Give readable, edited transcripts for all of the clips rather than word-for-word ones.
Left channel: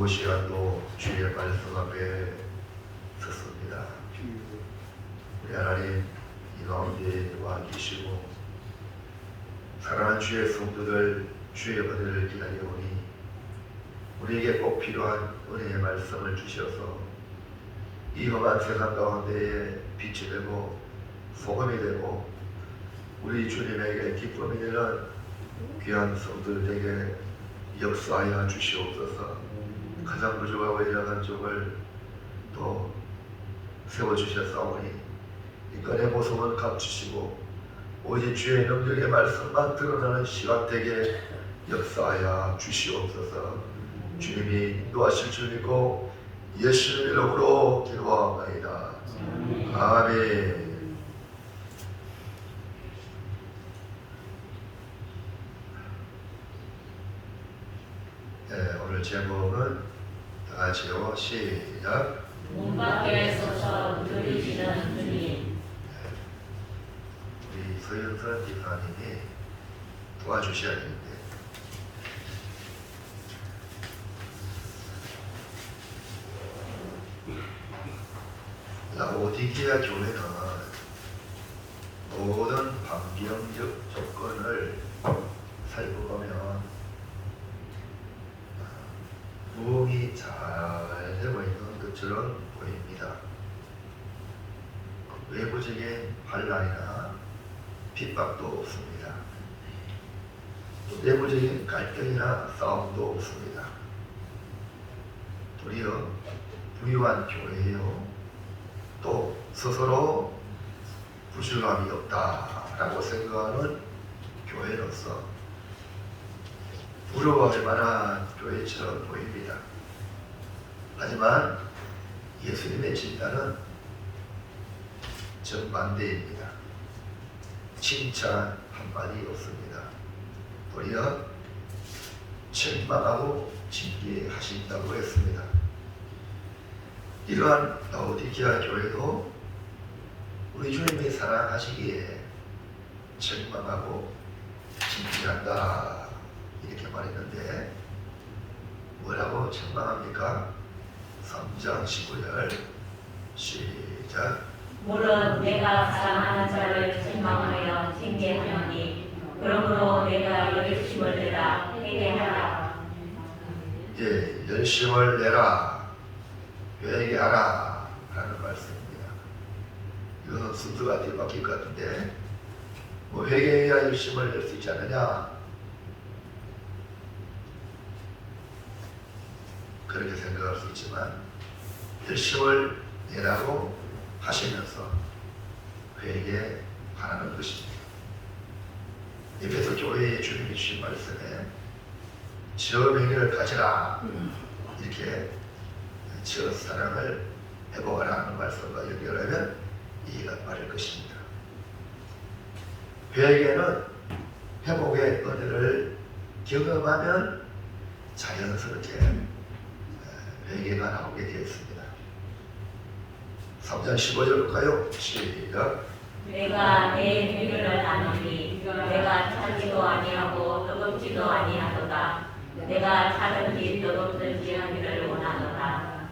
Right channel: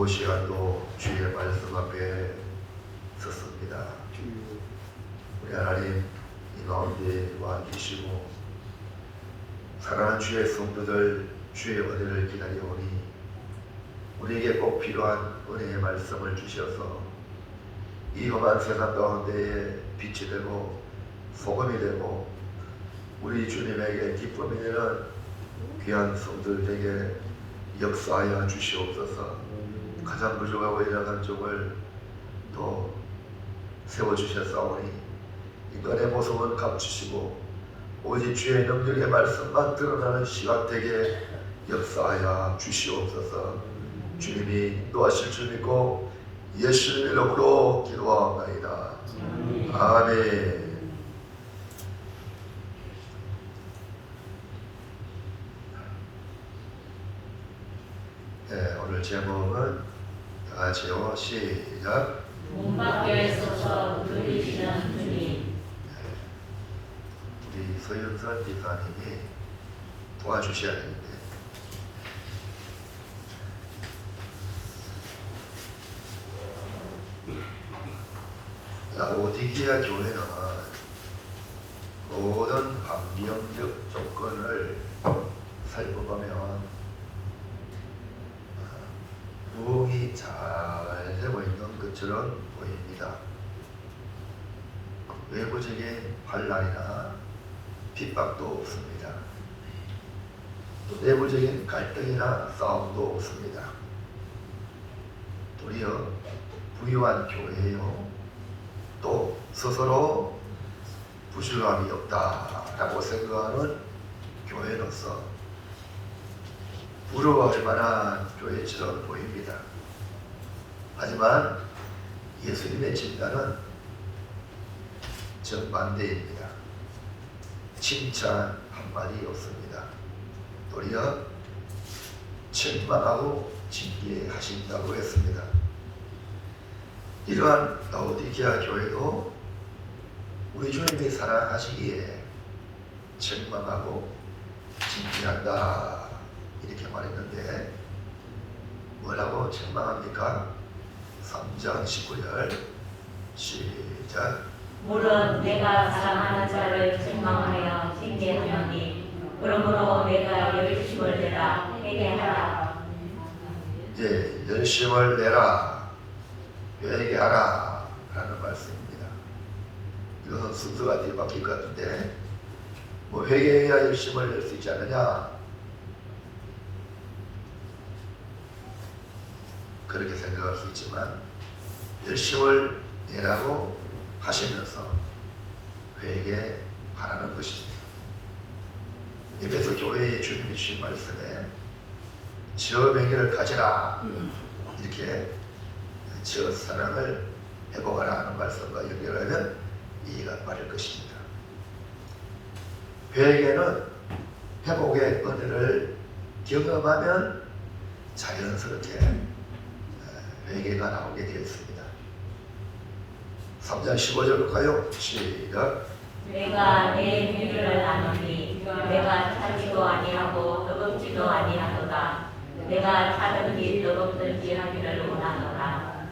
수고 시간도 주의 말씀 앞에 섰습니다. 우리 하나님 이 가운데 와 계시고 사랑하는 주의 성도들 주의 은혜를 기다려오니 우리에게 꼭 필요한 은혜의 말씀을 주셔서 이 험한 세상 가운데에 빛이 되고 소금이 되고 우리 주님에게 기쁨이 되는 귀한 성도들에게 역사하여 주시옵소서. 가장 부족하고 연약한 쪽을 또 세워주셨사오니 인간의 모습은 감추시고 오직 주의 능력의 말씀만 드러나는 시간 되게 역사하여 주시옵소서. 주님이 인도하실 줄 믿고 예수님의 이름으로 기도하옵나이다. 아멘. 네, 오늘 제목은 다 같이요. 시작. 문 밖에 서서 들으시는 주님. 우리 서영선 집사님이 도와주셔야 되는데 라오디게아 교회는 모든 환경적 조건을 살펴보면 부흥이 잘 되고 있는 것처럼 보입니다. 외부적인 반란이나 핍박도 없습니다. 내부적인 갈등이나 싸움도 없습니다. 도리어 부유한 교회요. 또 스스로 부실함이 없다라고 생각하는 교회로서 부러워할 만한 교회처럼 보입니다. 하지만 예수님의 진단은 정반대입니다. 칭찬 한마디 없습니다. 도리어 책망하고 징계하신다고 했습니다. 이러한 라오디게아 교회도 우리 주님이 사랑하시기에 책망하고 징계한다 이렇게 말했는데 뭐라고 책망합니까? 3장 19절 시작. 물론 내가 사랑하는 자를 책망하여 징계하노니 그러므로 내가 열심을 내라 회개하라. 예, 열심을 내라 회개하라 라는 말씀입니다. 이건 순서가 뒤바뀔 것 같은데 뭐 회개해야 열심을 낼 수 있지 않느냐 그렇게 생각할 수 있지만 열심을 내라고 하시면서 회개하라는 것입니다. 에베소 교회의 주님이 주신 말씀에 저 회개를 가지라 이렇게 저 사랑을 회복하라 하는 말씀과 연결하면 이해가 빠를 것입니다. 회개는 회복의 은혜를 경험하면 자연스럽게 회개가 나오게 되어 있습니다. 3장 15절 볼까요? 시작. 내가 내 회개를 하노니 내가 차지도 아니하고 뜨겁지도 아니하도다. 내가 차든지 뜨겁든지 하기를 원하노라.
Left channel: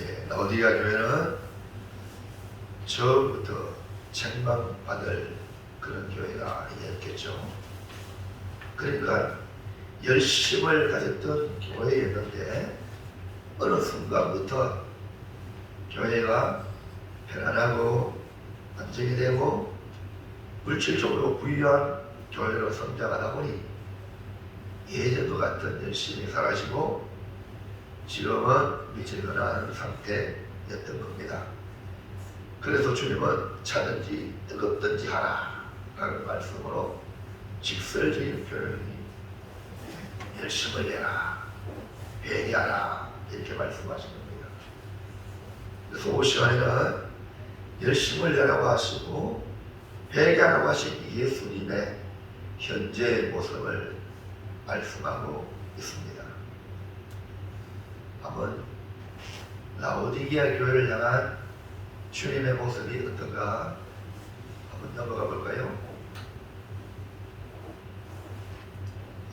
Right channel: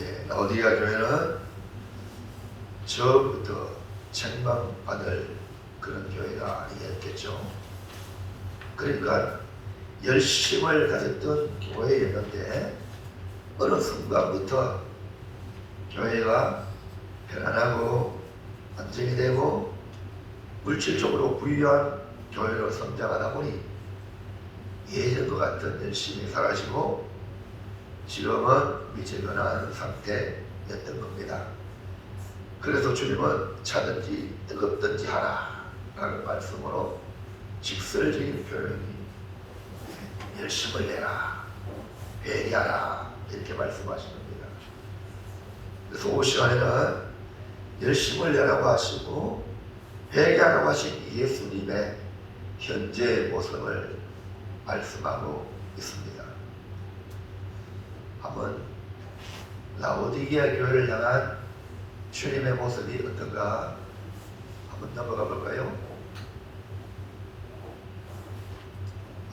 예, 라오디게아 교회는 처음부터 책망받을 그런 교회가 아니었겠죠. 그러니까 열심을 가졌던 교회였는데 어느 순간부터 교회가 편안하고 안정이 되고 물질적으로 부유한 교회로 성장하다 보니 예전과 같은 열심히 살아시고 지금은 미지근한 상태였던 겁니다. 그래서 주님은 차든지 뜨겁든지 하라 라는 말씀으로 직설적인 표현이 열심을 내라 회개하라 이렇게 말씀하신 겁니다. 그래서 오늘 시간에는 열심을 내라고 하시고 회개하라고 하신 예수님의 현재의 모습을 말씀하고 있습니다. 한번 라오디게아 교회를 향한 주님의 모습이 어떤가 한번 넘어가 볼까요?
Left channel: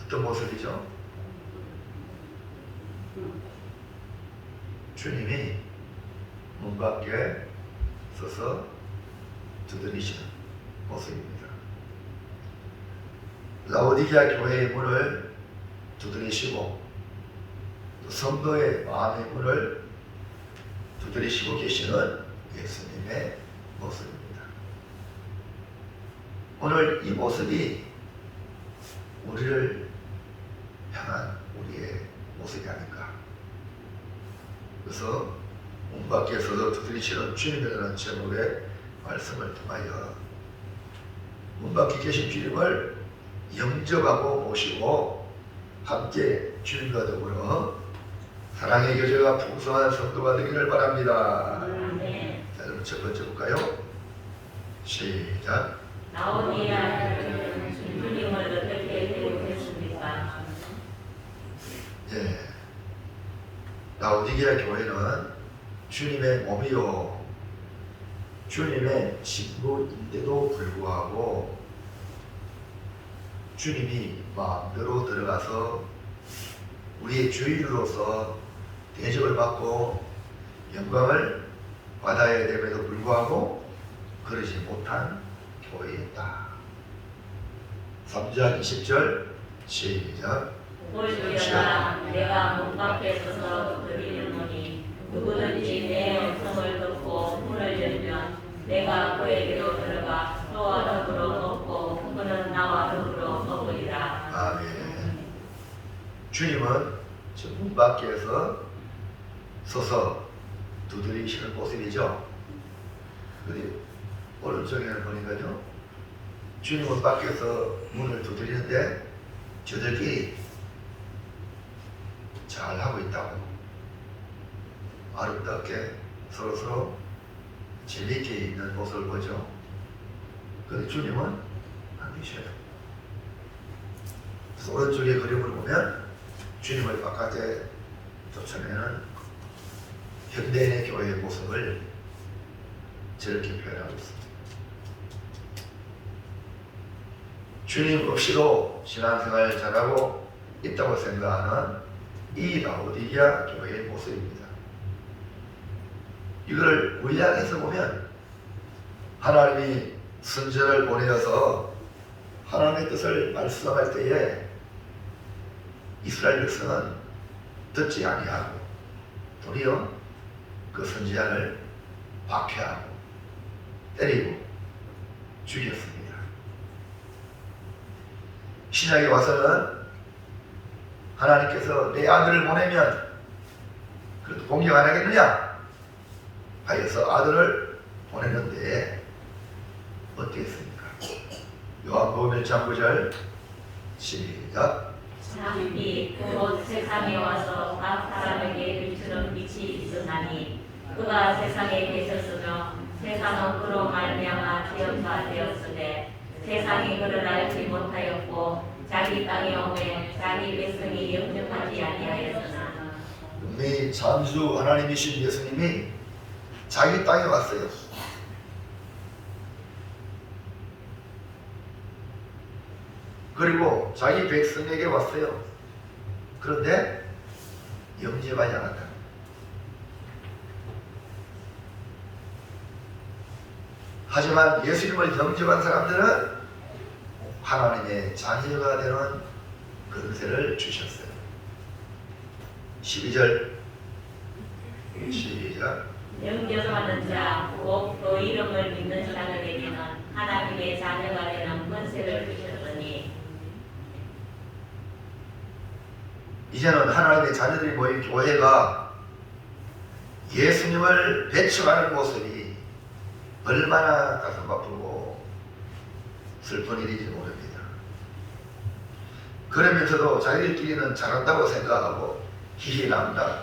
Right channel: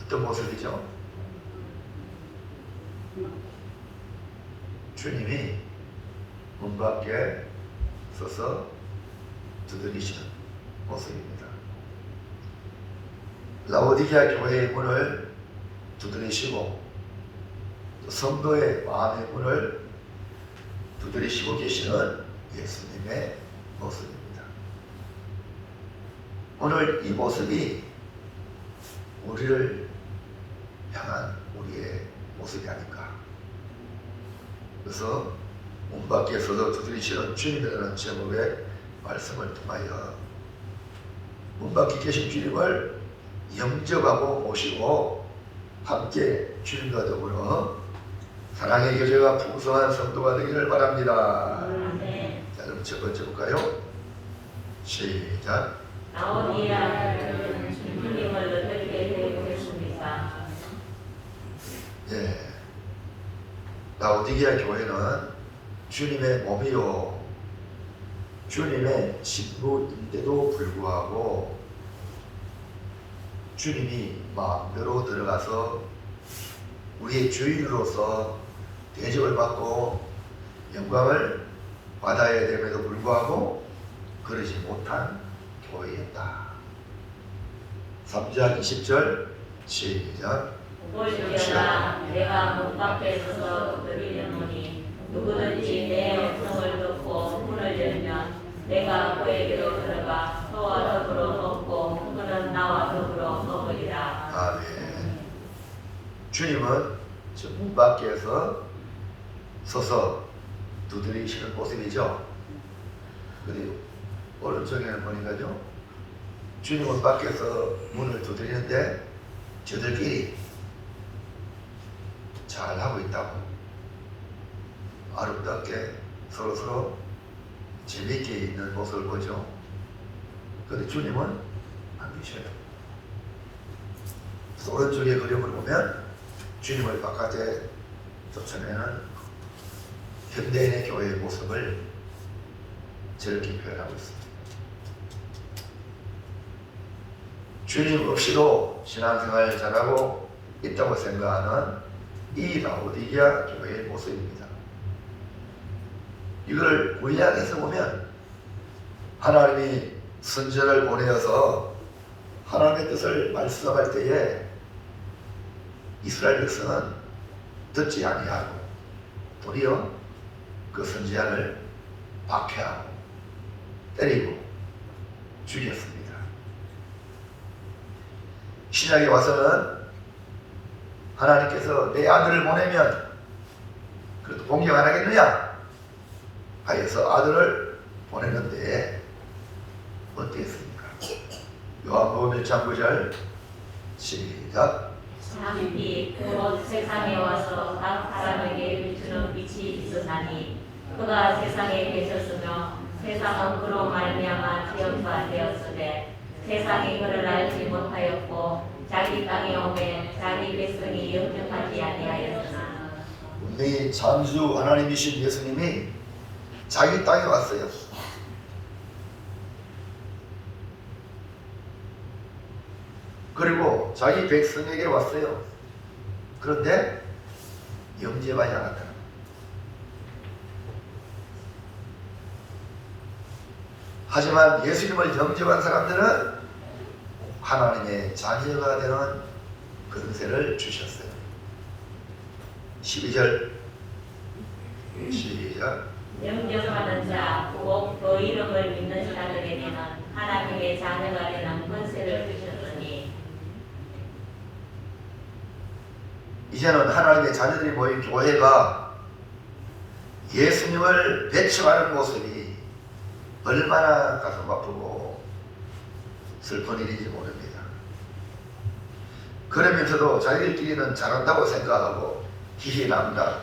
어떤 모습이죠? 주님이 문 밖에 서서 두드리시는 모습입니다. 라오디게아 교회의 문을 두드리시고 또 성도의 마음의 문을 두드리시고 계시는 예수님의 모습입니다. 오늘 이 모습이 우리를 향한 우리의 모습이 아닌가. 그래서 문 밖에서도 두드리시는 주님이라는 제목의 말씀을 통하여 문 밖에 계신 주님을 영접하고 모시고 함께 주님과 더불어 사랑의 교제가 풍성한 성도가 되기를 바랍니다. 자, 그럼 첫 번째 볼까요? 시작. 라오디게아 교회는 주님을 어떻게 배우겠습니까? 예. 라오디게아 교회는 주님의 몸이요 주님의 친구인데도 불구하고 주님이 마음대로 들어가서 우리의 주인으로서 대접을 받고 영광을 받아야 됨에도 불구하고 그러지 못한 교회였다. 3장 20절 시작. 볼지어다 내가 문 밖에 서서 두드리노니 누구든지 내 음성을 듣고 문을 열면 내가 그에게로 들어가 또 더불어 먹고 그는 나와 더불어 먹으리라. 아멘. 주님은 저 문 밖에서 서서 두드리시는 모습이죠. 그리고 오른쪽에는 보니까요, 주님은 밖에서 문을 두드리는데 저들끼리 잘 하고 있다고 아름답게 서로 재미있게 있는 모습을 보죠. 그런데 주님은 안 계셔요. 그래서 오른쪽에 그림을 보면 주님을 바깥에 쫓아내는 현대인의 교회의 모습을 저렇게 표현하고 있습니다. 주님 없이도 신앙생활을 잘하고 있다고 생각하는 이 라오디게아 교회의 모습입니다. 이걸 우리안에서 보면 하나님이 선지자를 보내어서 하나님의 뜻을 말씀할 때에 이스라엘 백성은 듣지 아니하고 도리어 그 선지자를 박해하고 때리고 죽였습니다. 신약에 와서는 하나님께서 내 아들을 보내면 그래도 공격 안 하겠느냐 하여서 아들을 보내는데 어땠습니까? 요한복음 1장 9절 시작. 참비 그곳 세상에 와서 각 사람에게 비추는 빛이 있으나니 그가 세상에 계셨으며 세상은 그로 말미암아 지었다 되었으되 세상이 그를 알지 못하였고 자기 땅에 오매 자기 백성이 영접하지 아니하였으나 분명히 창조 하나님이신 예수님이 자기 땅에 왔어요. 그리고 자기 백성에게 왔어요. 그런데 영접하지 않았다. 하지만 예수님을 영접한 사람들은 하나님의 자녀가 되는 권세를 주셨어요. 12절 시작. 영접하는 자, 곧 그 이름을 믿는 자들에게는 하나님의 자녀가 되는 권세를 주셨으니 이제는 하나님의 자녀들이 모인 교회가 예수님을 배척하는 모습이 얼마나 가슴 아프고 슬픈 일인지 모릅니다. 그러면서도 자기들끼리는 잘한다고 생각하고 희희남다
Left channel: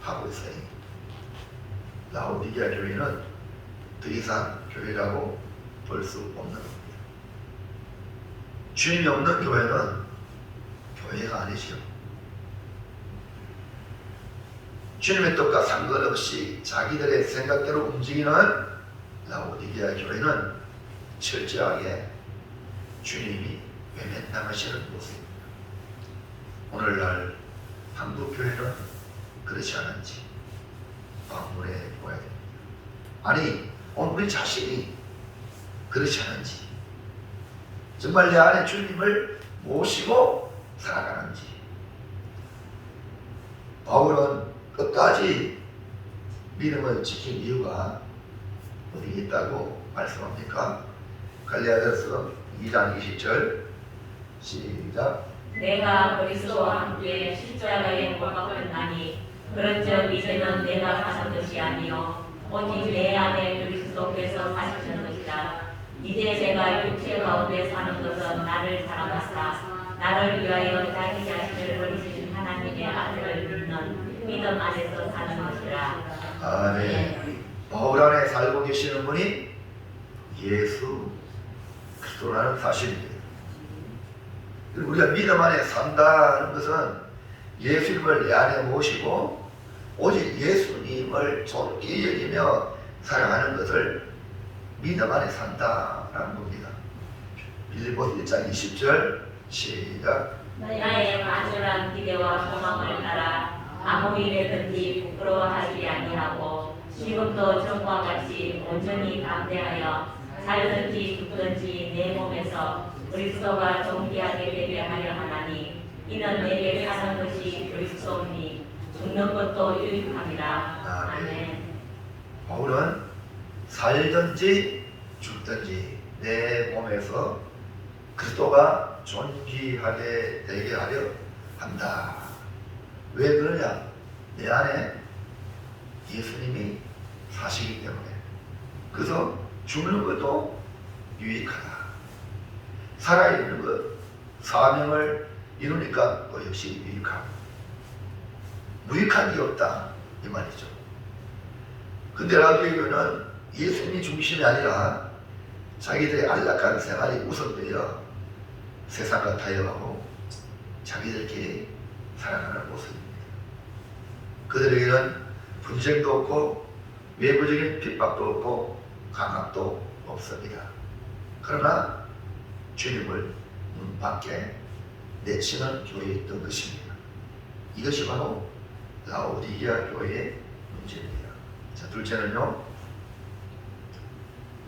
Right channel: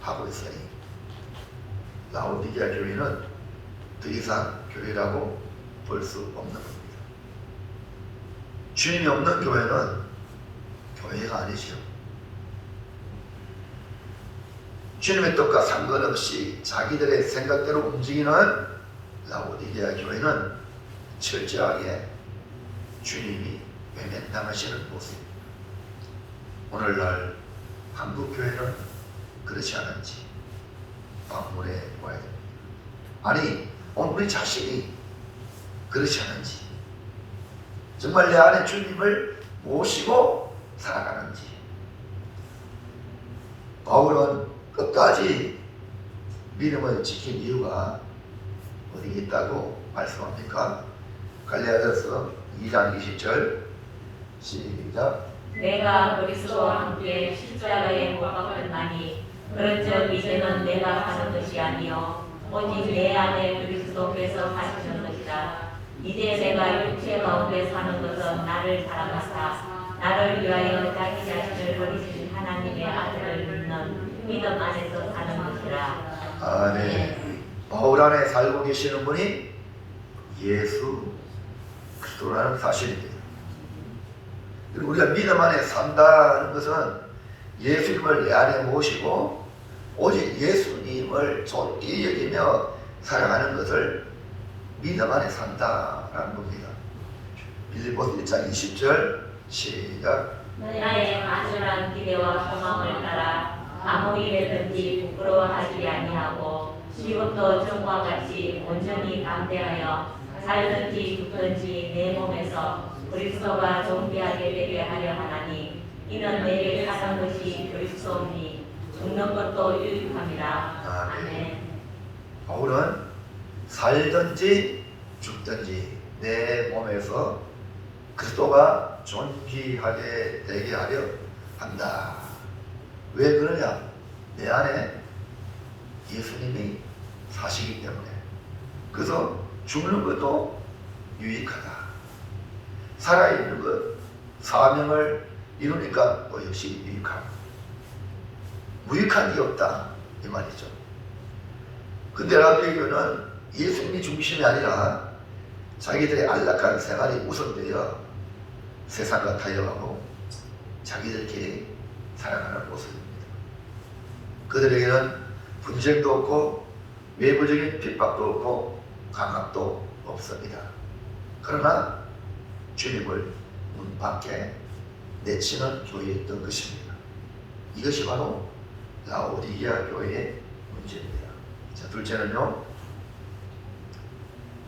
하고 있으니 라오디게아 교회는 더 이상 교회라고 볼 수 없는 겁니다. 주님이 없는 교회는 교회가 아니지요. 주님의 뜻과 상관없이 자기들의 생각대로 움직이는 라오디게아 교회는 철저하게 주님이 외면당하시는 모습입니다. 오늘날 한국 교회는 그렇지 않은지 방문해 보아야 됩니다. 아니, 우리 자신이 그렇지 않은지, 정말 내 안에 주님을 모시고 살아가는지. 바울은 끝까지 믿음을 지킨 이유가 어디 있다고 말씀합니까? 갈라디아서 2장 20절 시작. 내가 그리스도와 함께 십자가에 못 박혔나니 그런즉 이제는 내가 사는 것이 아니요 오직 내 안에 그리스도께서 사시는 것이다. 이제 제가 육체 가운데 사는 것은 나를 살아가사 나를 위하여 자기 자신을 버리신 하나님의 아들을 믿는 믿음 안에서 사는 것이라. 아멘. 바울 안에 살고 계시는 분이 예수 그리스도라는 사실입니다. 그리고 우리가 믿음 안에 산다는 것은 예수님을 내 안에 모시고 오직 예수님을 존귀 여기며 살아가는 것을 믿음 안에 산다라는 겁니다. 빌립보서 1장 20절 시작. 나의 간절한 기대와 소망을 따라 아무 일에든지 부끄러워하지 아니하고 지금도 전과 같이 온전히 담대하여 살든지 죽든지 내 몸에서 그리스도가 존귀하게 되게 하려 하나니 이는 내게 사는 것이 그리스도니 죽는 것도 유익함이라. 아멘. 바울은 살든지 죽든지 내 몸에서 그리스도가 존귀하게 되게 하려 한다. 왜 그러냐? 내 안에 예수님이 사시기 때문에. 그래서 죽는 것도 유익하다. 살아있는 것, 사명을 이루니까 또 역시 유익하고. 무익한 게 없다 이 말이죠. 근데 라디오는 예수님이 중심이 아니라 자기들의 안락한 생활이 우선되어 세상과 타협하고 자기들끼리 살아가는 모습입니다. 그들에게는 분쟁도 없고 외부적인 핍박도 없고 강압도 없습니다. 그러나 주님을 문 밖에 내치는 교회였던 것입니다. 이것이 바로 라오디게아 교회의 문제입니다. 자, 둘째는요.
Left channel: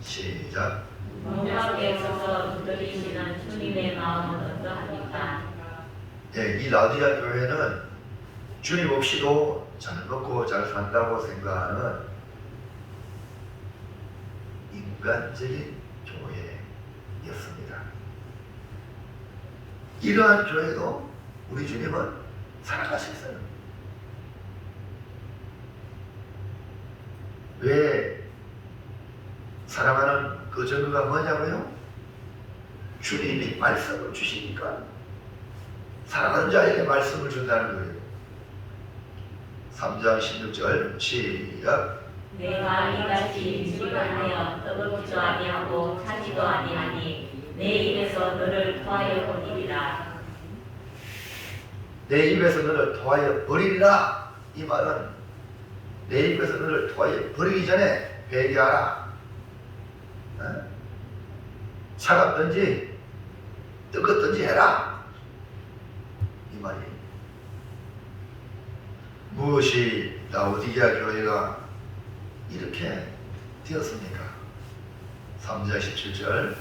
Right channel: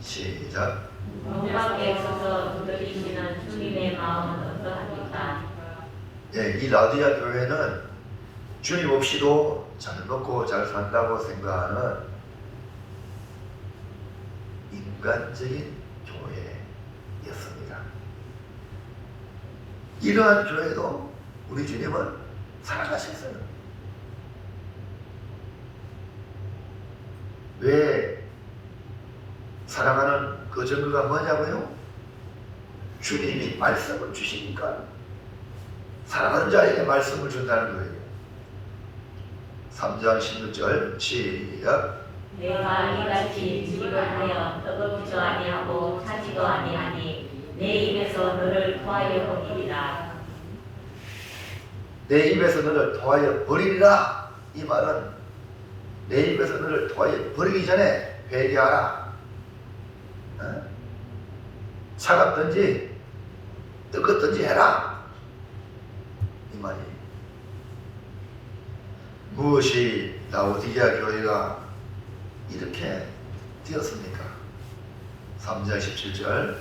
시작. 문 밖에 서서 두드리시는 주님의 마음은 어떠합니까? 예, 이 라오디게아 교회는 주님 없이도 잘 먹고 잘 산다고 생각하는 인간적인 교회였습니다. 이러한 교회도 우리 주님은 사랑하셨어요. 왜 사랑하는 그 증거가 뭐냐고요? 주님이 말씀을 주시니까 사랑하는 자에게 말씀을 준다는 거예요. 3장 16절 시작. 내가 이같이 지식하여 떠돌지도 아니하고 차지도 아니하니 내 입에서 너를 토하여 버리리라. 내 입에서 너를 토하여 버리리라. 이 말은 내 입에서 너를 토하여 버리기 전에 회개하라. 차갑든지 뜨겁든지 해라. 이 말이. 무엇이 라오디게아 교회가 이렇게 되었습니까? 3장 17절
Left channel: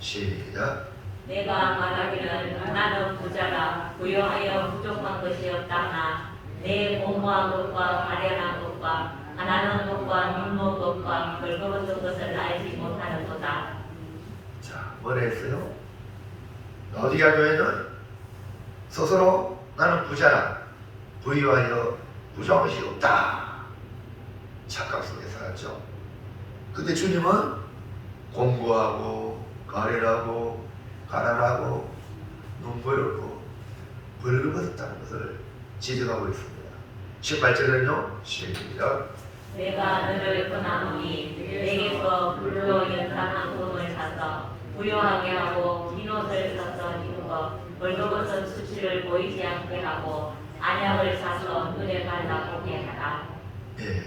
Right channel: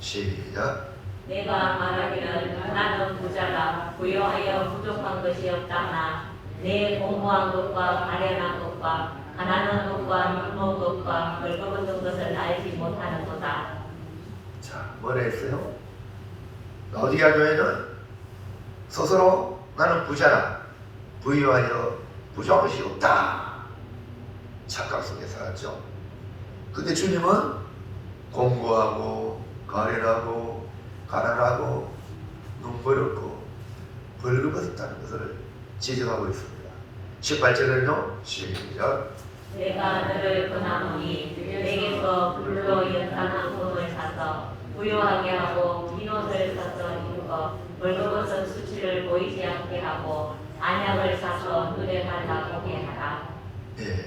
시작. 내가 말하기를 나는 부자라 부유하여 부족한 것이 없다나 내 공부한 것과 가련한 것과 가난한 것과 눈먼 것과 벌거벗은 것을 알지 못하는도다. 자, 뭐라 했어요? 라오디게아 교회는 스스로 나는 부자라 부유하여 부족한 것이 없다 착각 속에 살았죠. 근데 주님은 공부하고 가련하고 가난하고 눈보였고 벌거벗었다는 것을 지적하고 있습니다. 18절은요 시작. 내가 너를 권하노니 내게서 불로 연탄한 돈을 사서 부유하게 하고 빈옷을 사서 입어 벌거벗은 수치를 보이지 않게 하고 안약을 사서 눈에 발라보게 하라. 예.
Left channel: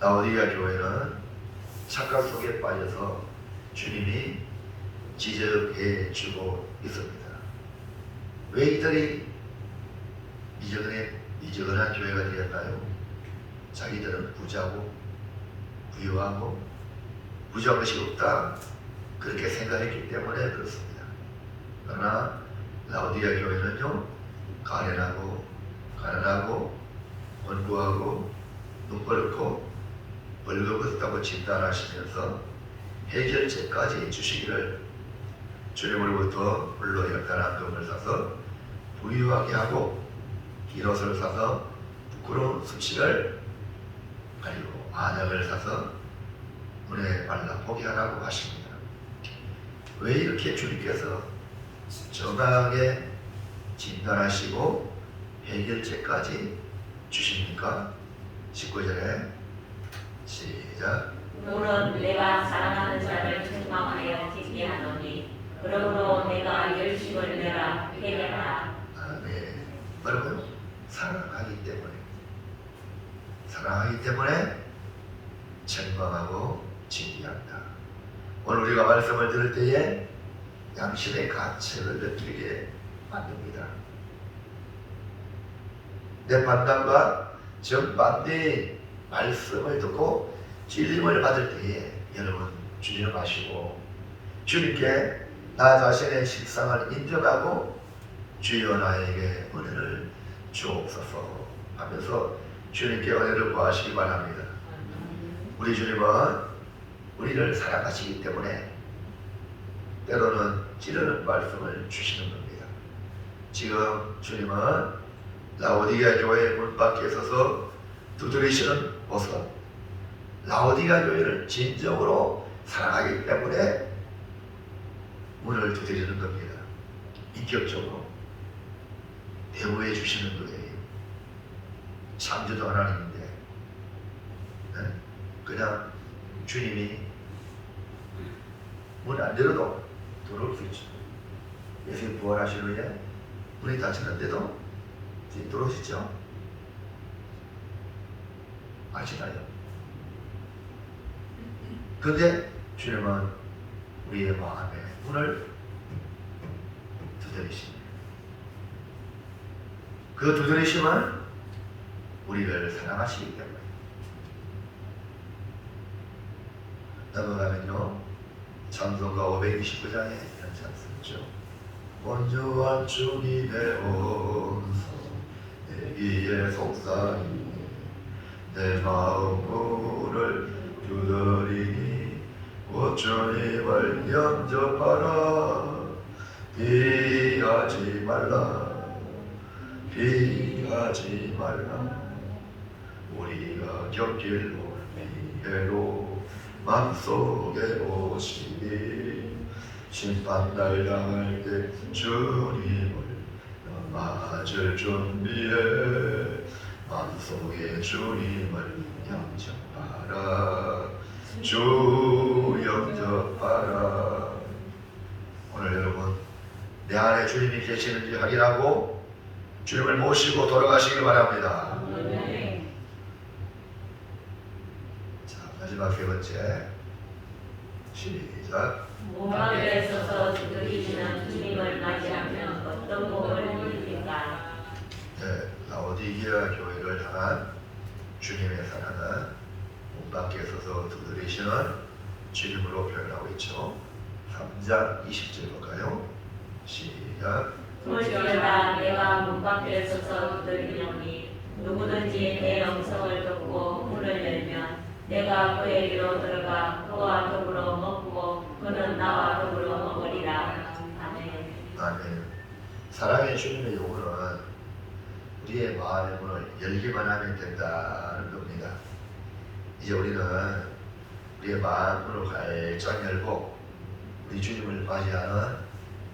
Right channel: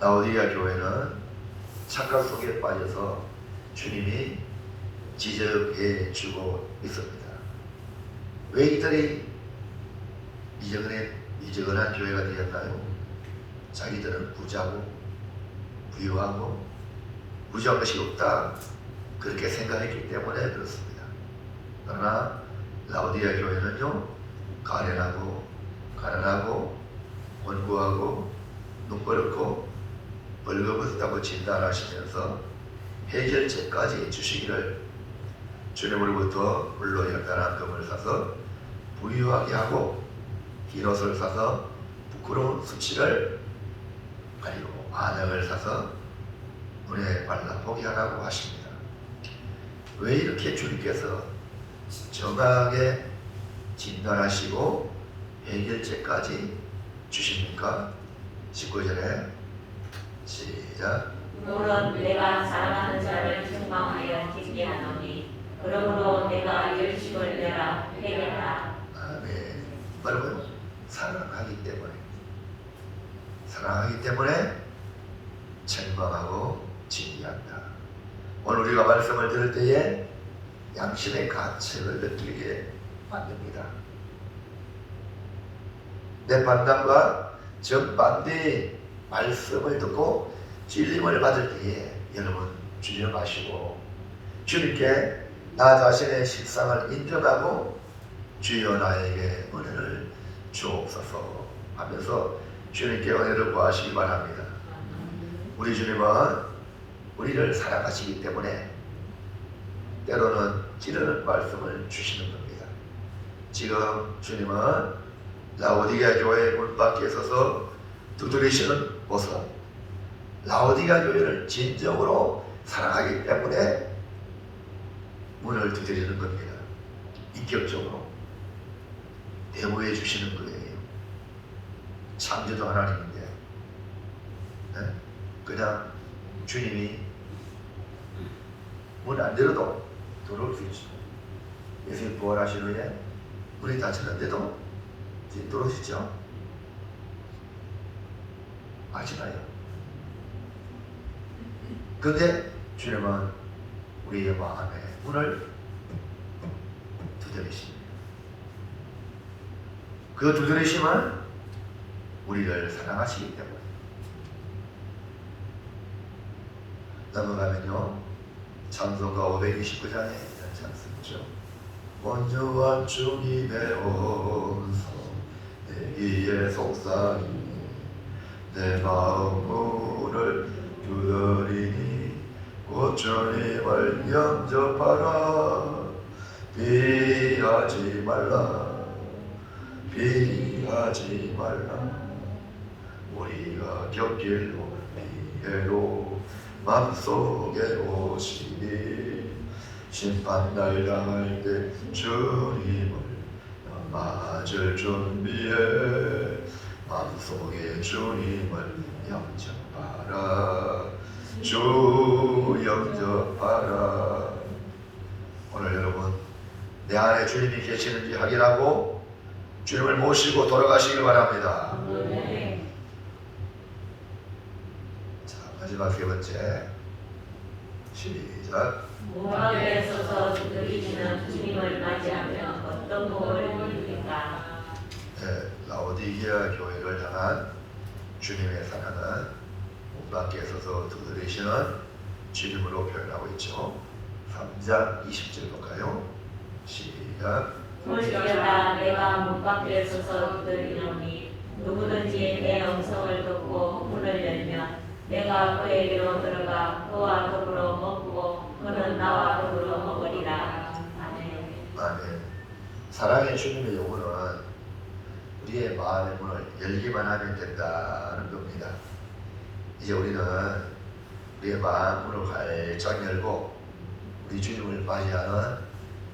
라오디게아 교회는 착각 속에 빠져서 주님이 지적해 주고 있습니다. 왜 이들이 미지근한 교회가 되었나요? 자기들은 부자고 부유하고 부자한 것이 없다 그렇게 생각했기 때문에 그렇습니다. 그러나 라오디게아 교회는요, 가난하고 원고하고 눈벌고 벌거벗다고 진단하시면서 해결책까지 주시기를 주님으로부터 물로 열단한 금을 사서 부유하게 하고 흰옷을 사서 부끄러운 수치를 가리고 안약을 사서 눈에 발라 보게 하라고 하십니다. 왜 이렇게 주님께서 정확하게 진단하시고 해결책까지 주십니까? 19절에 시작. 물은 내가 사랑하는 자를 책망하여 듣게 하노니 그러므로 내가 열심을 내라 회개하라. 네. 여러분, 사랑하기 때문에 책망하고 징계한다. 오늘 우리가 말씀을 들을 때에 양심의 가책을 느끼게 만듭니다. 내 판단과 정반대의 말씀을 듣고 찔림을 받을 때에 여러분 주님을 아시고 주님께 나 자신의 실상을 인정하고 주여 나에게 은혜를 주옵소서 하면서 주님께 은혜를 구하시기 바랍니다. 우리 주님은 우리를 사랑하시기 때문에 때로는 찌르는 말씀을 주시는 겁니다. 지금 주님은 라오디게아 교회 문 밖에 서서 두드리시는 모습, 라오디게아 교회를 진정으로 사랑하기 때문에 문을 두드리는 겁니다. 인격적으로 대우해 주시는 거예요. 창조주 하나님인데 그냥 주님이 문 안 열어도 들어올 수 있죠. 예수님 부활하신 후에 문이 닫혔는데도 지금 들어오시죠? 아시나요? 근데 주님은 우리의 마음에 문을 두드리십니다. 그 두드리심은 우리를 사랑하시기 때문에. 넘어가면요, 찬송가 529장에 이런 찬송이죠. 온전한 주님의 온서 내 위에 속삭이니 내 마음 문을 두드리니 곧 주님을 영접하라. 피하지 말라. 우리가 겪길 피해로 맘속에 오시니 심판날 당할 때 주님을 맞을 준비해 맘속에 주님을 영접하라. 주 영접하라. 오늘 여러분 내 안에 주님이 계시는지 확인하고 주님을 모시고 돌아가시길 바랍니다. 자, 마지막 세 번째 시작. 무덤에 서서 두드리시는 주님을 맞이하면 어떤 복을 누립니까? 네, 라오디게아 교회를 향한 주님의 사랑은 문 밖에 서서 두드리시는 주님으로 표현하고 있죠. 3장 20절 볼까요? 시작. 볼지어다 내가 문 밖에 서서 두드리노니 누구든지 내 음성을 듣고 문을 열면 내가 그에게로 들어가 그와 더불어 먹고 그는 나와 더불어 먹으리라. 아멘. 아멘. 사랑의 주님의 요구는 우리의 마음의 문을 열기만 하면 된다는 겁니다. 이제 우리는 우리의 마음 문을 활짝 열고 우리 주님을 맞이하는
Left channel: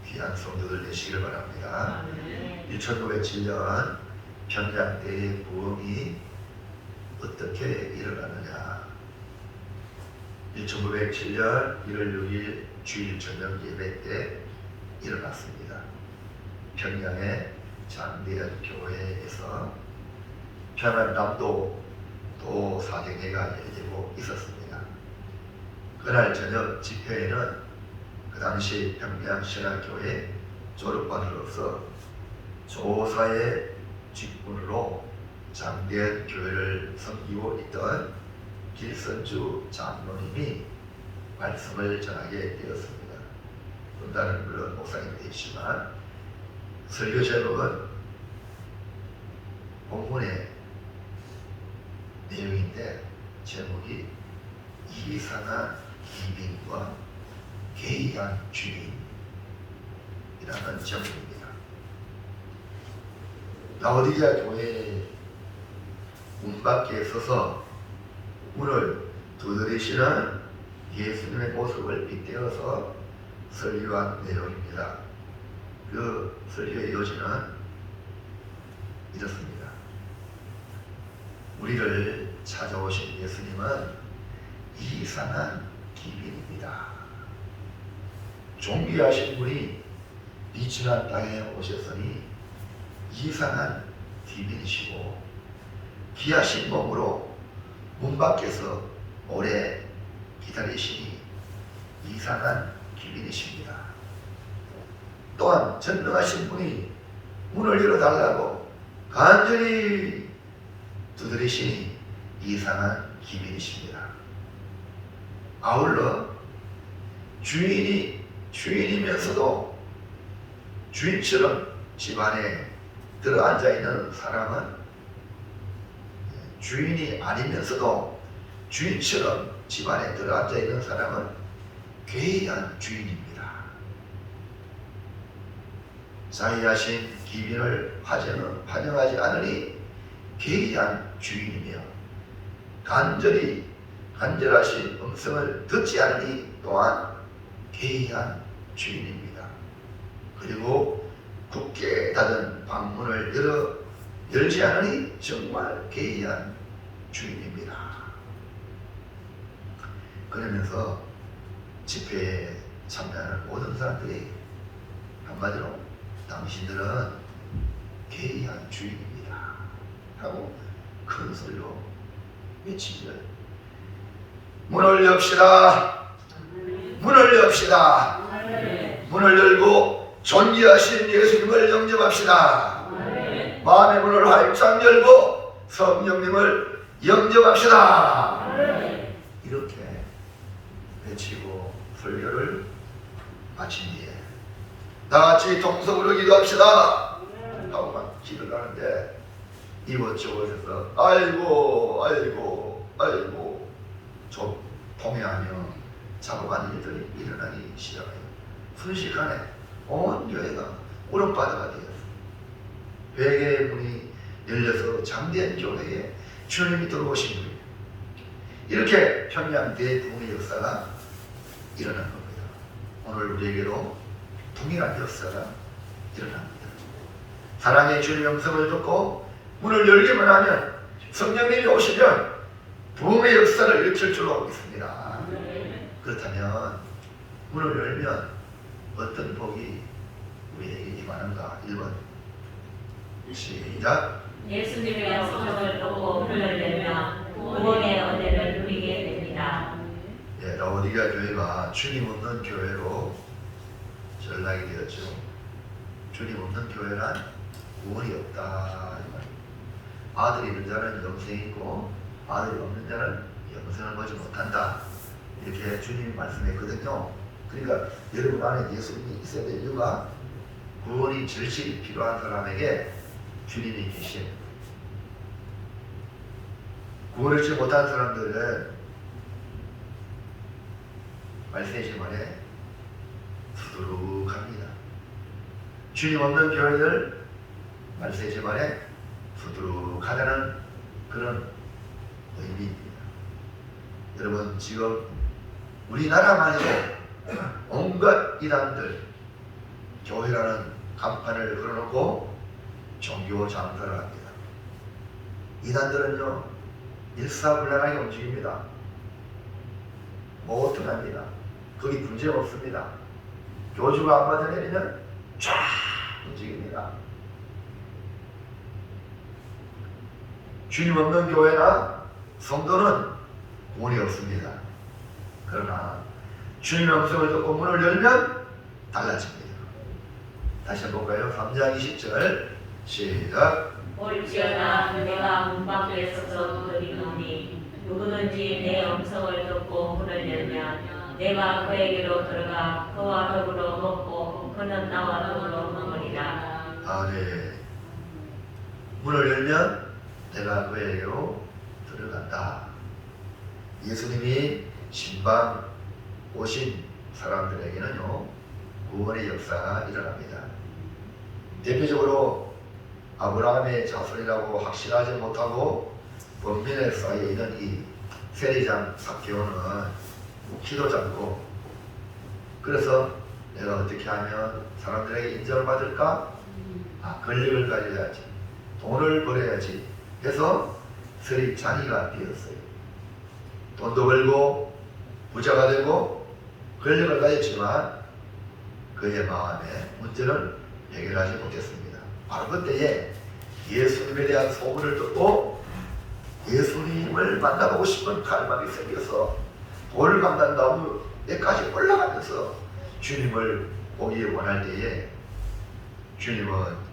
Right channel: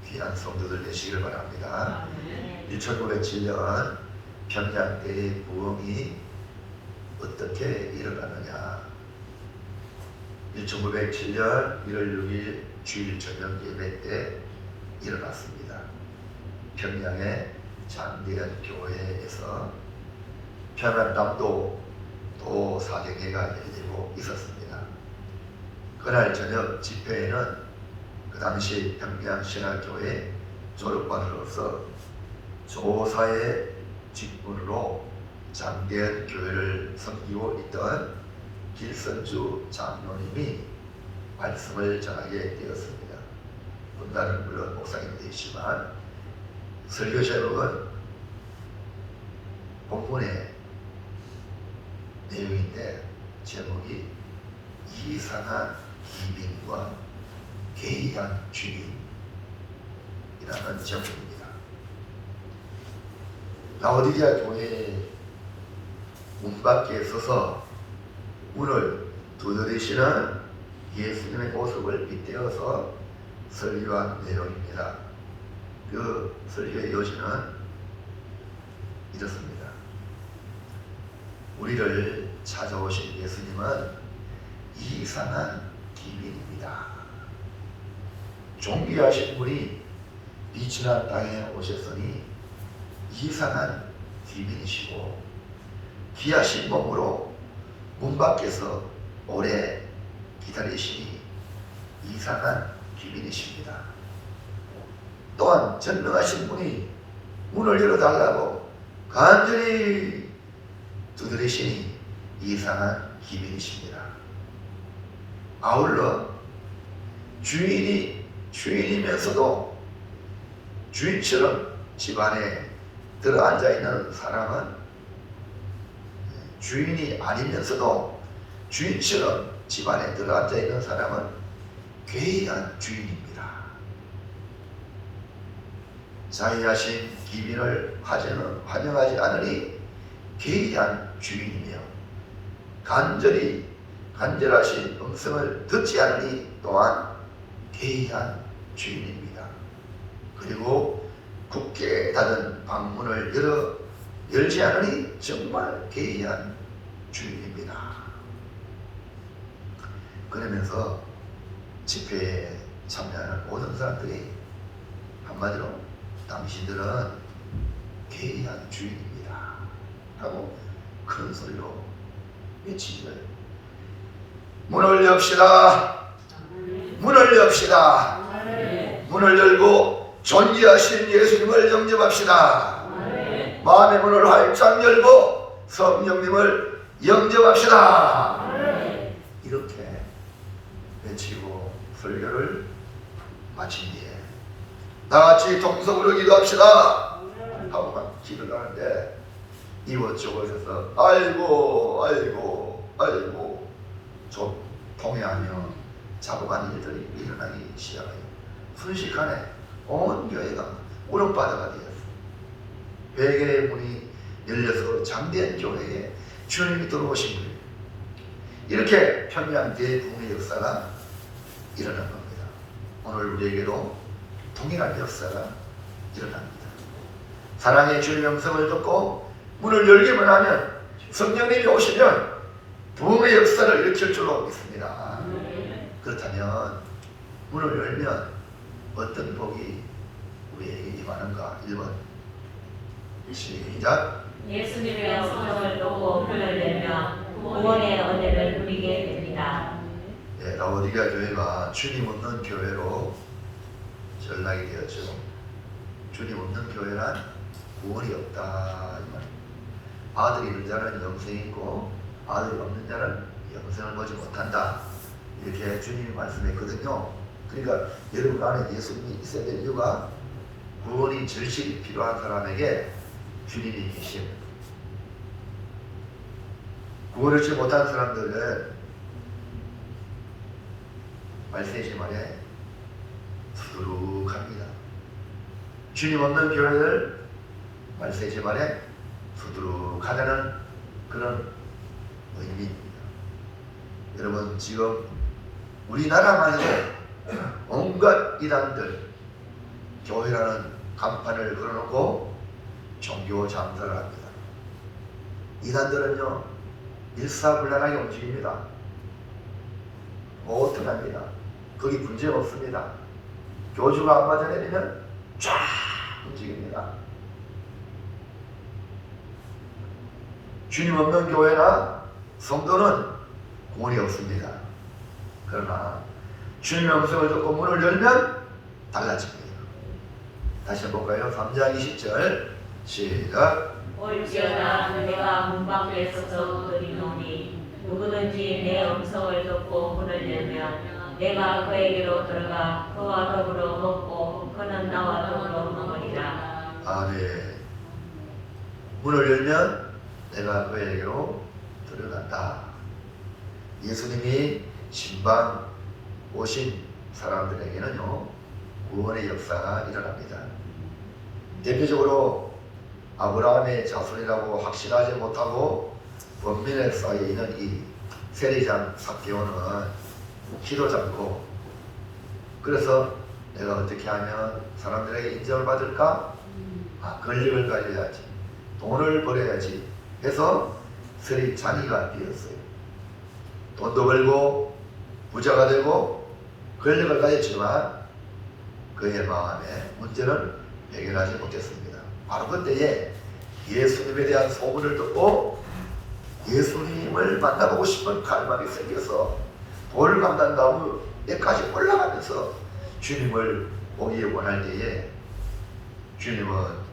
귀한 성도들 되시길 바랍니다. 1907년 평양 때의 부흥이 어떻게 일어나느냐. 1907년 1월 6일 주일 저녁 예배 때 일어났습니다. 평양의 장대현 교회에서 평안남도 도 사경회가 열리고 있었습니다. 그날 저녁 집회에는 그 당시 평양신학교회 졸업반으로서 조사에 직분으로 장대한 교회를 섬기고 있던 길선주 장로님이 말씀을 전하게 되었습니다. 본단은 물론 목사님이 되시지만 설교 제목은 본문의 내용인데 제목이 이상한 기빈과 괴이한 주인이라는 제목입니다. 라오디게아 교회 문 밖에 서서 문을 두드리시는 예수님의 모습을 빗대어서 설교한 내용입니다. 그 설교의 요지는 이렇습니다. 우리를 찾아오신 예수님은 이상한 기빈입니다. 존귀하신 분이 미천한 땅에 오셨으니 이상한 기빈이시고 귀하신 몸으로 문 밖에서 오래 기다리시니 이상한 기빈이십니다. 또한 전능하신 분이 문을 열어달라고 간절히 두드리시니 이상한 기빈이십니다. 아울러 주인이면서도 주인처럼 집안에 들어앉아 있는 사람은 주인이 아니면서도 주인처럼 집안에 들어앉아 있는 사람은 괴이한 주인입니다. 자의하신 기빈을 환영하지 않으니 괴이한 주인이며 간절하신 음성을 듣지 않으니 또한 괴이한 주인입니다. 그리고 굳게 닫은 방문을 열지 않으니 정말 괴이한 주인입니다. 그러면서 집회에 참여하는 모든 사람들이 한마디로 당신들은 괴이한 주인입니다 하고 큰 소리로 외치기를 문을 엽시다. 문을 엽시다. 문을 열고 존귀하신 예수님을 영접합시다. 마음의 문을 활짝 열고 성령님을 영접합시다. 이렇게 외치고 설교를 마친 뒤에 다같이 동성으로 기도합시다 하고 막 길을 가는데 이곳저곳에서 아이고 좀 동요하며 잡아간 일들이 일어나기 시작해요. 순식간에 온 교회가 울음바다가 되었어요. 회개의 문이 열려서 장대한 교회에 주님이 들어오신 거예요. 이렇게 평양 대붕의 역사가 일어난 겁니다. 오늘 우리에게도 동일한 역사가 일어납니다. 사랑의 주님의 음성을 듣고 문을 열기만 하면 성령님이 오시면 부흥의 역사를 일으킬 줄로 믿습니다. 그렇다면 문을 열면 어떤 복이 우리에게 임하는가? 1번 시작. 예수님의 음성을 듣고 문을 열면 구원의 은혜를 누리게 됩니다. 라오디게아 교회가 주님 없는 교회로 전락이 되었죠. 주님 없는 교회란 구원이 없다. 아들이 있는 자는 영생이 있고 아들이 없는 자는 영생을 보지 못한다. 이렇게 주님이 말씀했거든요. 그러니까 여러분 안에 예수님이 있어야 될 이유가 구원이 절실히 필요한 사람에게 주님이 계신, 구원을 얻지 못한 사람들은 말세지 말에 수두룩합니다. 주님 없는 교회를 말세지 말에 수두룩하다는 그런 의미입니다. 여러분 지금 우리나라만에 온갖 이단들 교회라는 간판을 걸어놓고 종교 장사를 합니다. 이단들은요 일사불란하게 움직입니다. 못 합니다. 거기 문제 없습니다. 교주가 안 받아내면 쫙 움직입니다. 주님 없는 교회나 성도는 구원이 없습니다. 그러나 주님의 음성을 듣고 문을 열면 달라집니다. 다시 해볼까요? 3장 20절 시작. 올지어다 내가 문 밖에 서서 두드리노니 누구든지 내 음성을 듣고 문을 열면 내가 그에게로 들어가 그와 더불어 먹고 그는 나와 더불어 먹으리라. 아멘. 문을 열면 내가 그에게로 들어간다. 예수님이 신방 오신 사람들에게는요, 구원의 역사가 일어납니다. 대표적으로 아브라함의 자손이라고 확신하지 못하고 범민에 쌓여 있는 이 세리장 삭개오는 기도 잡고, 그래서 내가 어떻게 하면 사람들에게 인정을 받을까? 권력을 가져야지, 돈을 벌어야지 해서 세리장이가 되었어요. 돈도 벌고 부자가 되고 권력을 가졌지만 그의 마음에 문제는 해결하지 못했습니다. 바로 그때에 예수님에 대한 소문을 듣고 예수님을 만나보고 싶은 갈망이 생겨서 돌 감단나무에까지 올라가면서 주님을 보기 원할 때에 주님은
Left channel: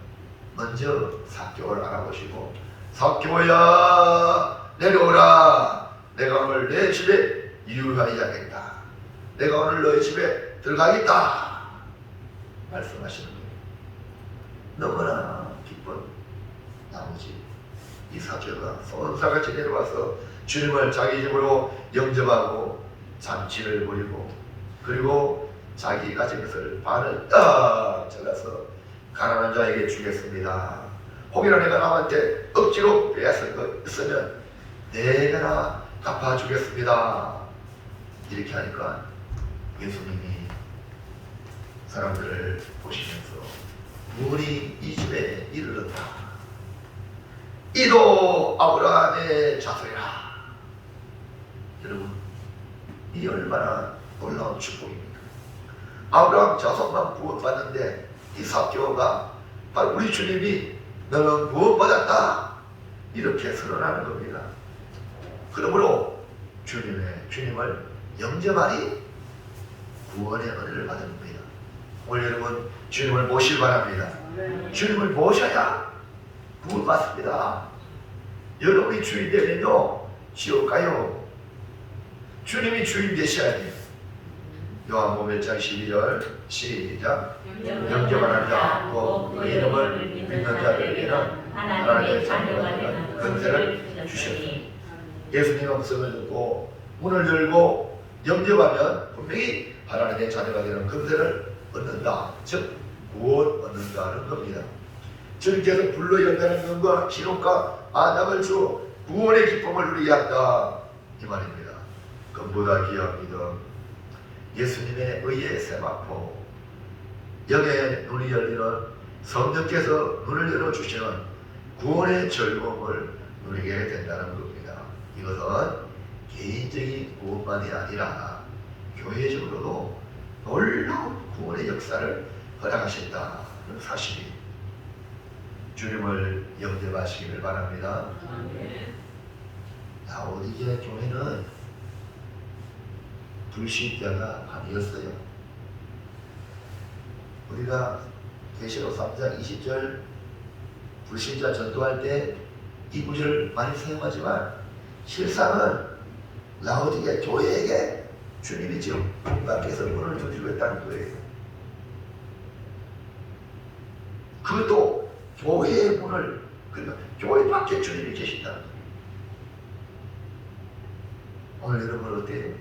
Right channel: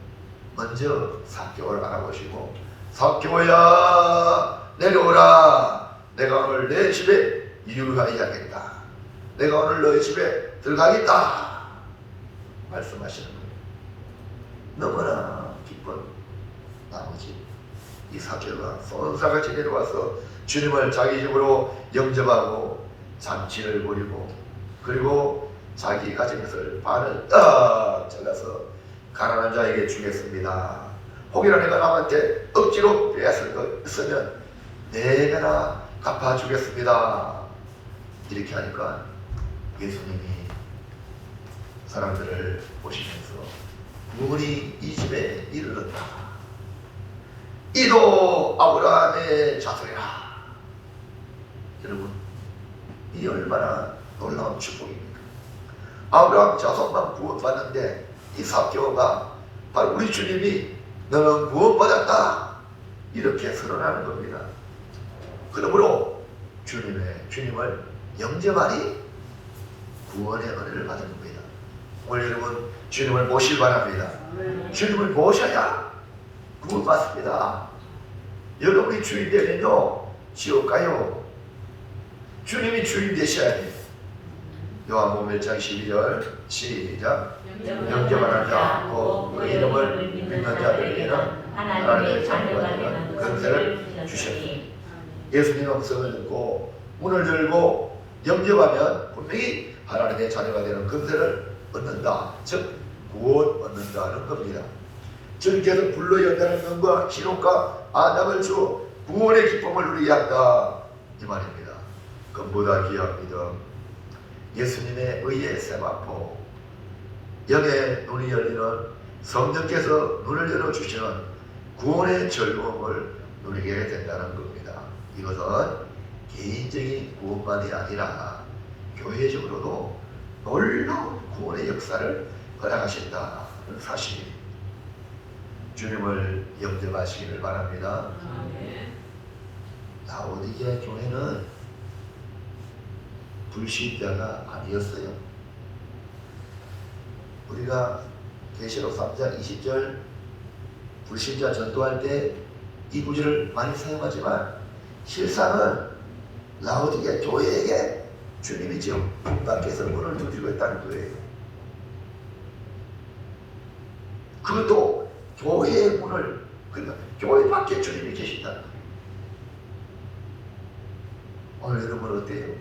먼저 삭개오를 알아보시고, 삭개오야 내려오라. 내가 오늘 내 집에 유하여야겠다. 내가 오늘 너희 집에 들어가겠다 말씀하시는 거예요. 너무나 기쁜 나머지 이 삭개오가 손사같이 내려와서 주님을 자기 집으로 영접하고 잔치를 벌이고, 그리고 자기 가진 것을 반을 딱 잘라서 가난한 자에게 주겠습니다. 혹이나 내가 남한테 억지로 빼앗을 것 있으면 내가 갚아주겠습니다. 이렇게 하니까 예수님이 사람들을 보시면서 문이 이 집에 이르렀다. 이도 아브라함의 자손이라. 여러분, 이 얼마나 놀라운 축복입니까? 아브라함 자손만 구원받는데 이 삭개오가 바로 우리 주님이 너는 구원받았다 이렇게 선언하는 겁니다. 그러므로 주님을 영접하니 구원의 은혜를 받은 겁니다. 오늘 여러분 주님을 모시기 바랍니다. 주님을 모셔야 구원받습니다. 여러분이 주인 되면요, 지옥 가요. 주님이 주인 되셔야 돼요. 요한복음 1장 12절 시작. 영접하는 자, 곧 그 이름을 믿는 자들에게는 하나님의 자녀가 되는 권세를 주셨니. 예수님 음성을 듣고 문을 열고 영접하면 분명히 하나님의 자녀가 되는 권세를 얻는다. 즉 구원 얻는다는 겁니다. 주님께서 불러 연단하는 영과 기록과 아담을 주 구원의 기쁨을 누리게 한다 이 말입니다. 그보다 귀한 믿음, 예수님의 의의 세마포, 영의 눈이 열리는 성령께서 눈을 열어주시는 구원의 즐거움을 누리게 된다는 겁니다. 이것은 개인적인 구원만이 아니라 교회적으로도 놀라운 구원의 역사를 허락하신다는 사실이 주님을 영접하시기를 바랍니다. 라오디게 교회는 불신자가 아니었어요. 우리가 계시록 3장 20절 불신자 전도할 때 이 구절을 많이 사용하지만 실상은 라오디게 교회에게 주님이 지금 문 밖에서 문을 두드리고 있다는 거예요. 그것도 교회의 문을, 그러니까 교회 밖에 주님이 계신다는 거예요. 오늘 여러분 어때요?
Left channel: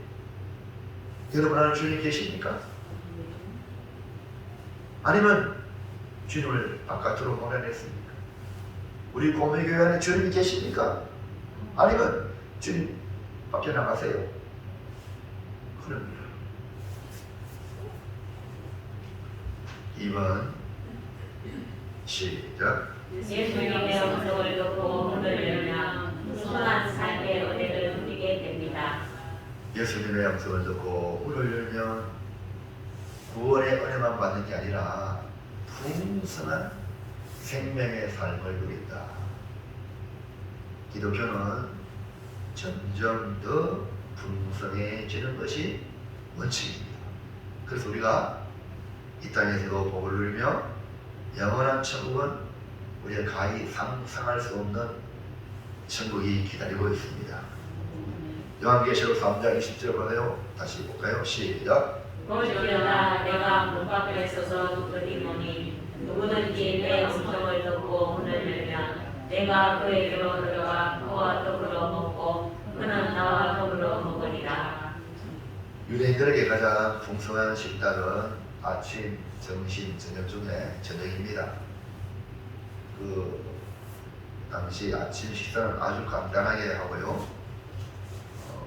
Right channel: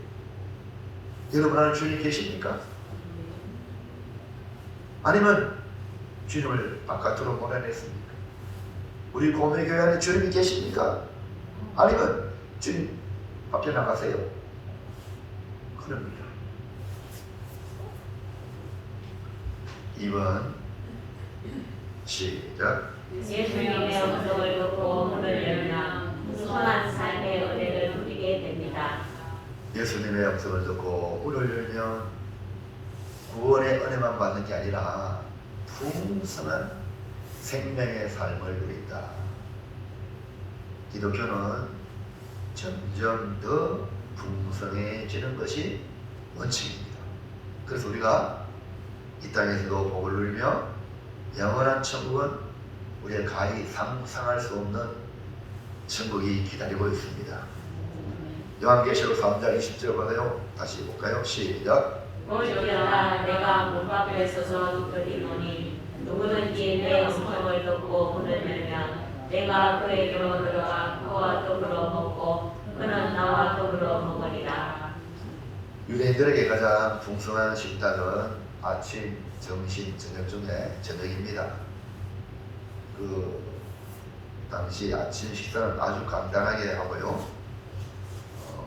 여러분 안에 주님 계십니까? 아니면 주님을 바깥으로 보내냈습니까? 우리 고매교회 안에 주님이 계십니까? 아니면 주님 밖에 나가세요? 그럽니다. 2번 시작. 예수님의 음성을 듣고 문을 열면 선한 삶의 은혜를 누리게 됩니다. 예수님의 음성을 듣고 문을 열면 구원의 은혜만 받는 게 아니라 풍성한 생명의 삶을 누린다. 기독교는 점점 더 풍성해지는 것이 원칙입니다. 그래서 우리가 이 땅에서도 복을 누리며 영원한 천국은 우리가 가히 상상할 수 없는 천국이 기다리고 있습니다. 요한계시록 3장 20절 보세요. 다시 볼까요? 시작. 보시다가 내가 문 밖에 서서 두드리노니 누구든지 내 음성을 듣고 문을 열면 내가 그에게로 들어가 그와 더불어 먹고 그는 나와 더불어 먹으리라. 유대인들에게 가장 풍성한 식탁은 아침, 점심, 저녁 중에 저녁입니다. 그 당시 아침 식사는 아주 간단하게 하고요.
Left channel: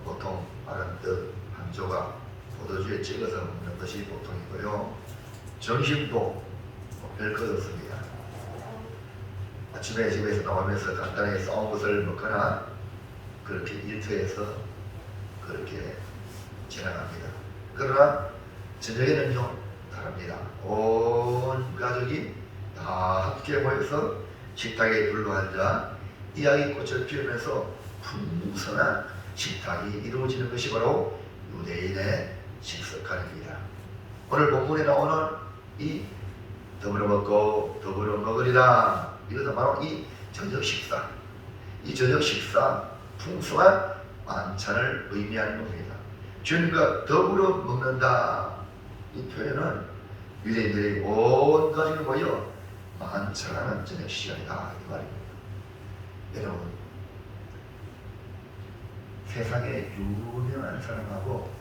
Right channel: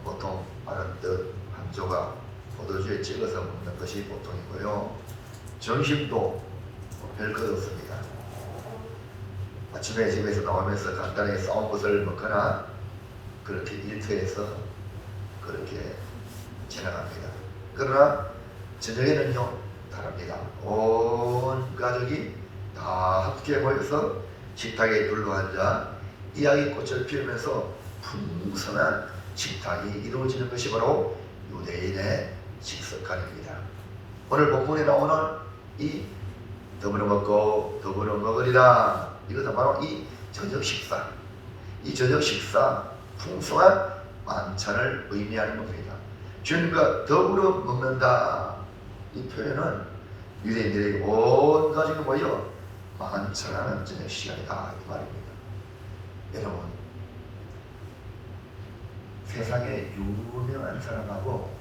보통 마른 떡 한 조각 포도주에 찍어서 먹는 것이 보통이고요. 점심도 별 것 없습니다. 아침에 집에서 나오면서 간단하게 싸운 것을 먹거나 그렇게 일터에서 그렇게 지나갑니다. 그러나 저녁에는요 다릅니다. 온 가족이 다 함께 모여서 식탁에 둘러앉아 이야기꽃을 피우면서 풍성한 식탁이 이루어지는 것이 바로 유대인의 식습관입니다. 오늘 본문에 나오는 이 더불어 먹고 더불어 먹으리라, 이것은 바로 이 저녁 식사, 이 저녁 식사 풍성한 만찬을 의미하는 겁니다. 주님과 더불어 먹는다, 이 표현은 유대인들이 온 가족이 모여 만찬하는 저녁 시간이다 이 말입니다. 여러분, 세상에 유명한 사람하고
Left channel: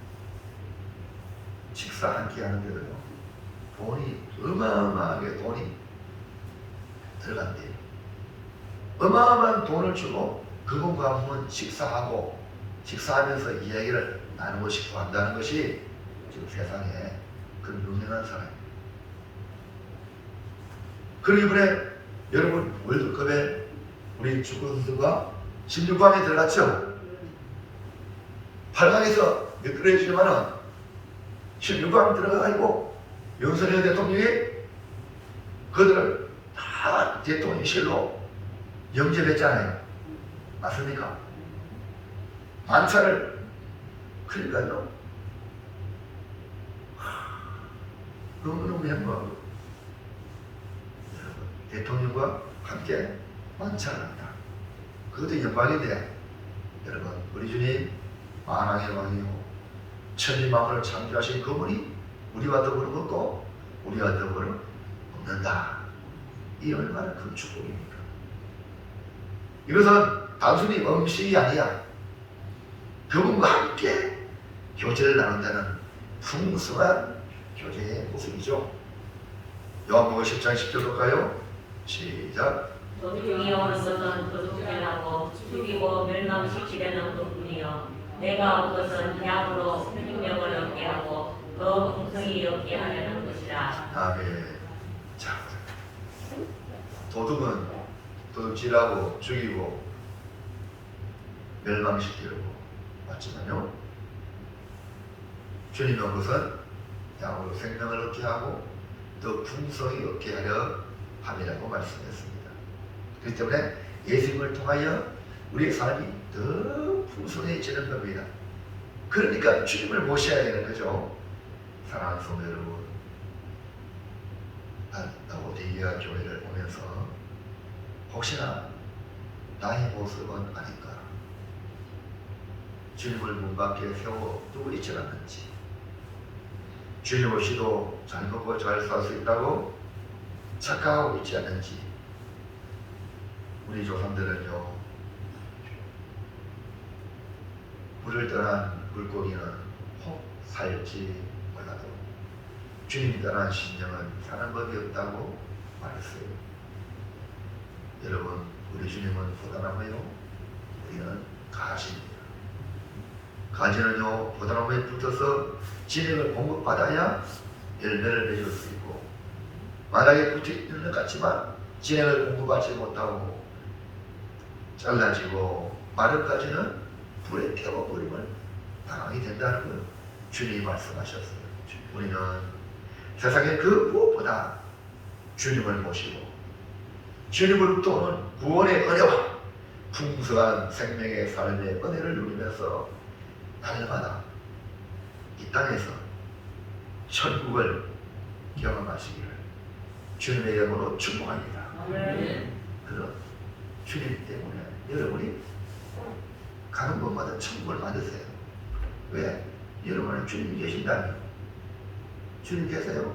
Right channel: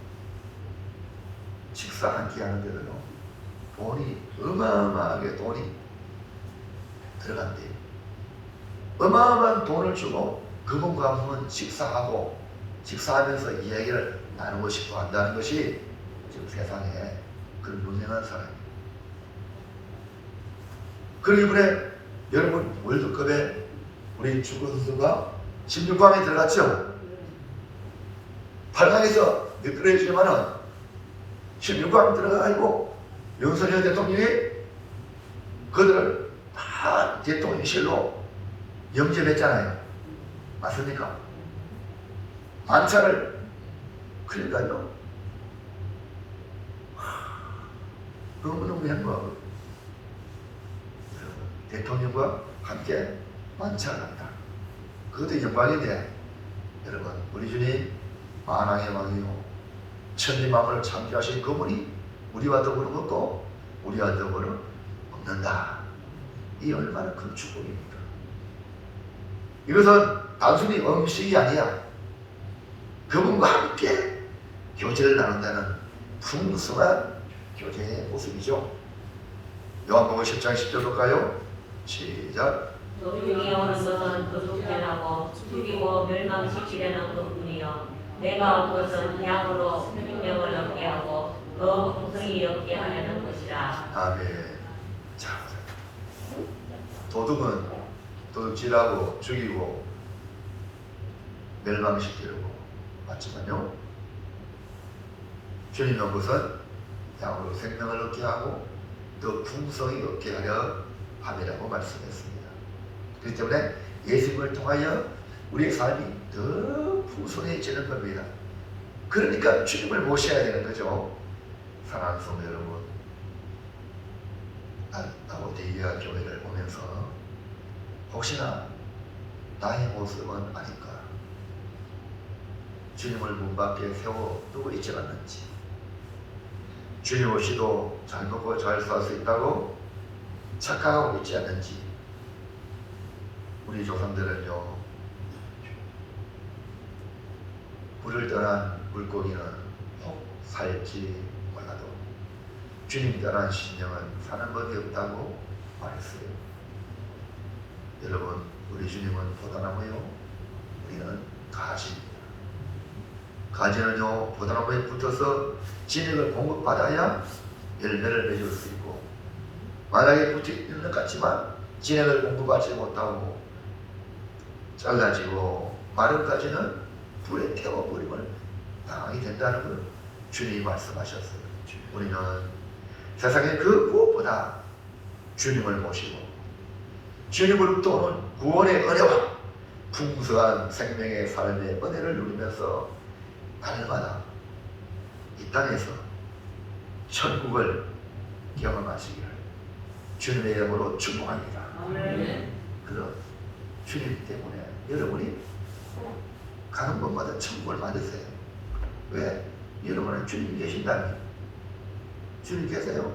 식사 한 끼 하는데도요 돈이 어마어마하게 돈이 들어간대요. 어마어마한 돈을 주고 그분과 한번 식사하면서 이야기를 나누고 싶어 한다는 것이 지금 세상에 그런 유명한 사람입니다. 그리고 이번에 여러분 월드컵에 우리 축구 선수가 16강에 들어갔죠. 8강에서 미끄러지지만은 16강 들어가고 윤석열 대통령이 그들을 다 대통령실로 영접했잖아요. 맞습니까? 만찬을, 그러니까요 너무너무 행복. 대통령과 함께 만찬합니다. 그것도 영광인데 여러분, 우리 주님 만왕의 왕이요 천지 만물을 창조하신 그분이 우리와 더불어 먹고 우리와 더불어 먹는다. 이 얼마나 큰 축복입니까? 이것은 단순히 음식이 아니야. 그분과 함께 교제를 나눈다는 풍성한 교제의 모습이죠. 요한복음 10장 10절 볼까요? 시작. 도둑이 오는 것은 도둑질하고 죽이고 멸망시키려는 것뿐이요 내가 온 것은 양으로 생명을 얻게 하고 더 풍성히 얻게 하려는 것이라. 아멘. 자, 도둑은 도둑질하고 죽이고 멸망시키려고 맞지만요, 주님의 온 것은 양으로 생명을 얻게 하고 더 풍성히 얻게 하려 함이라고 말씀했습니다. 그렇기 때문에 예수님을 통하여 우리의 삶이 더 풍성해지는 겁니다. 그러니까 주님을 모셔야 되는 거죠. 사랑하는 성도 여러분, 라오디게아 교회를 보면서 혹시나 나의 모습은 아닌가, 주님을 문 밖에 세워 두고 있지 않는지, 주님 없이도 잘 먹고 잘 살 수 있다고 착각하고 있지 않는지. 우리 조상들은요, 불을 떠난 물고기는 혹 살지 몰라도 주님 떠난 심령은 사는 법이 없다고 말했어요. 여러분, 우리 주님은 포도나무요, 우리는 가지입니다. 가지는요 포도나무에 붙어서 진액을 공급받아야 열매를 맺을 수 있고, 만약에 붙어있는 것 같지만 진액을 공급받지 못하고 잘라지고 마른 가지는 불에 태워버리면 당하게 된다는 걸 주님이 말씀하셨어요. 우리는 세상에 그 무엇보다 주님을 모시고 주님으로부터 오는 구원의 은혜와 풍성한 생명의 삶의 은혜를 누리면서 날마다 이 땅에서 천국을 경험하시기를 주님의 이름으로 축복합니다. 그런 주님 때문에 여러분이 가는 곳마다 천국을 받으세요. 왜? 여러분은 주님 계신다니. 주님 계세요?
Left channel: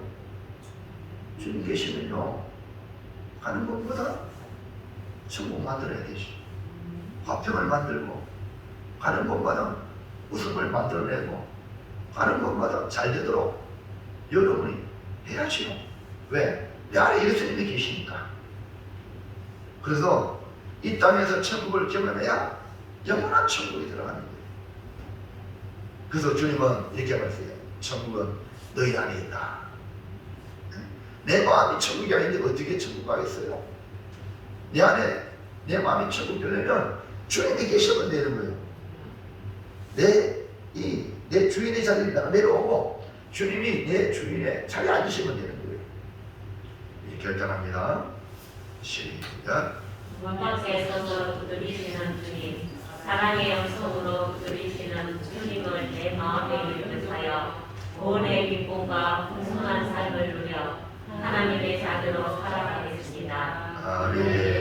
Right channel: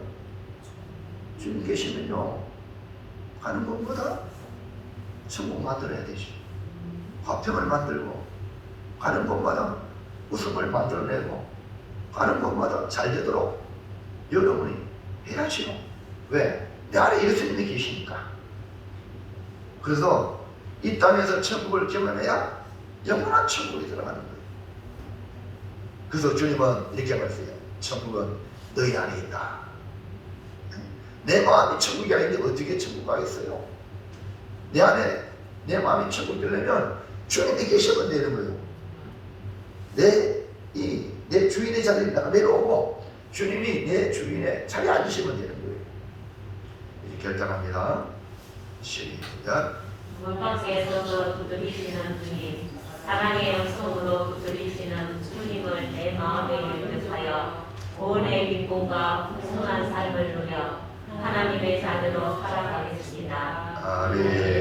주님 계시면요, 가는 곳마다 천국 만들어야 되지. 화평을 만들고, 가는 곳마다 웃음을 만들어내고, 가는 곳마다 잘 되도록 여러분이 해야지요. 왜? 내 안에 예수님이 계시니까. 그래서 이 땅에서 천국을 경험해야 영원한 천국이 들어가는 거예요. 그래서 주님은 이렇게 말씀해요. 천국은 너희 안에 있다. 내 마음이 천국이 아닌데 어떻게 천국 가겠어요? 내 안에 내 마음이 천국 되려면 주님이 계시면 되는 거예요. 내 주인의 자리를 내가 내려오고 주님이 내 주인의 자리에 앉으시면 되는 거예요. 이제 결단합니다. 시작. 문밖에서 부르시는 주님, 사랑의 영성으로 부르시는 주님을 내 마음에 영접하여 구원의 기쁨과 풍성한 삶을 누려 하나님의 자녀로 살아가겠습니다. 아멘.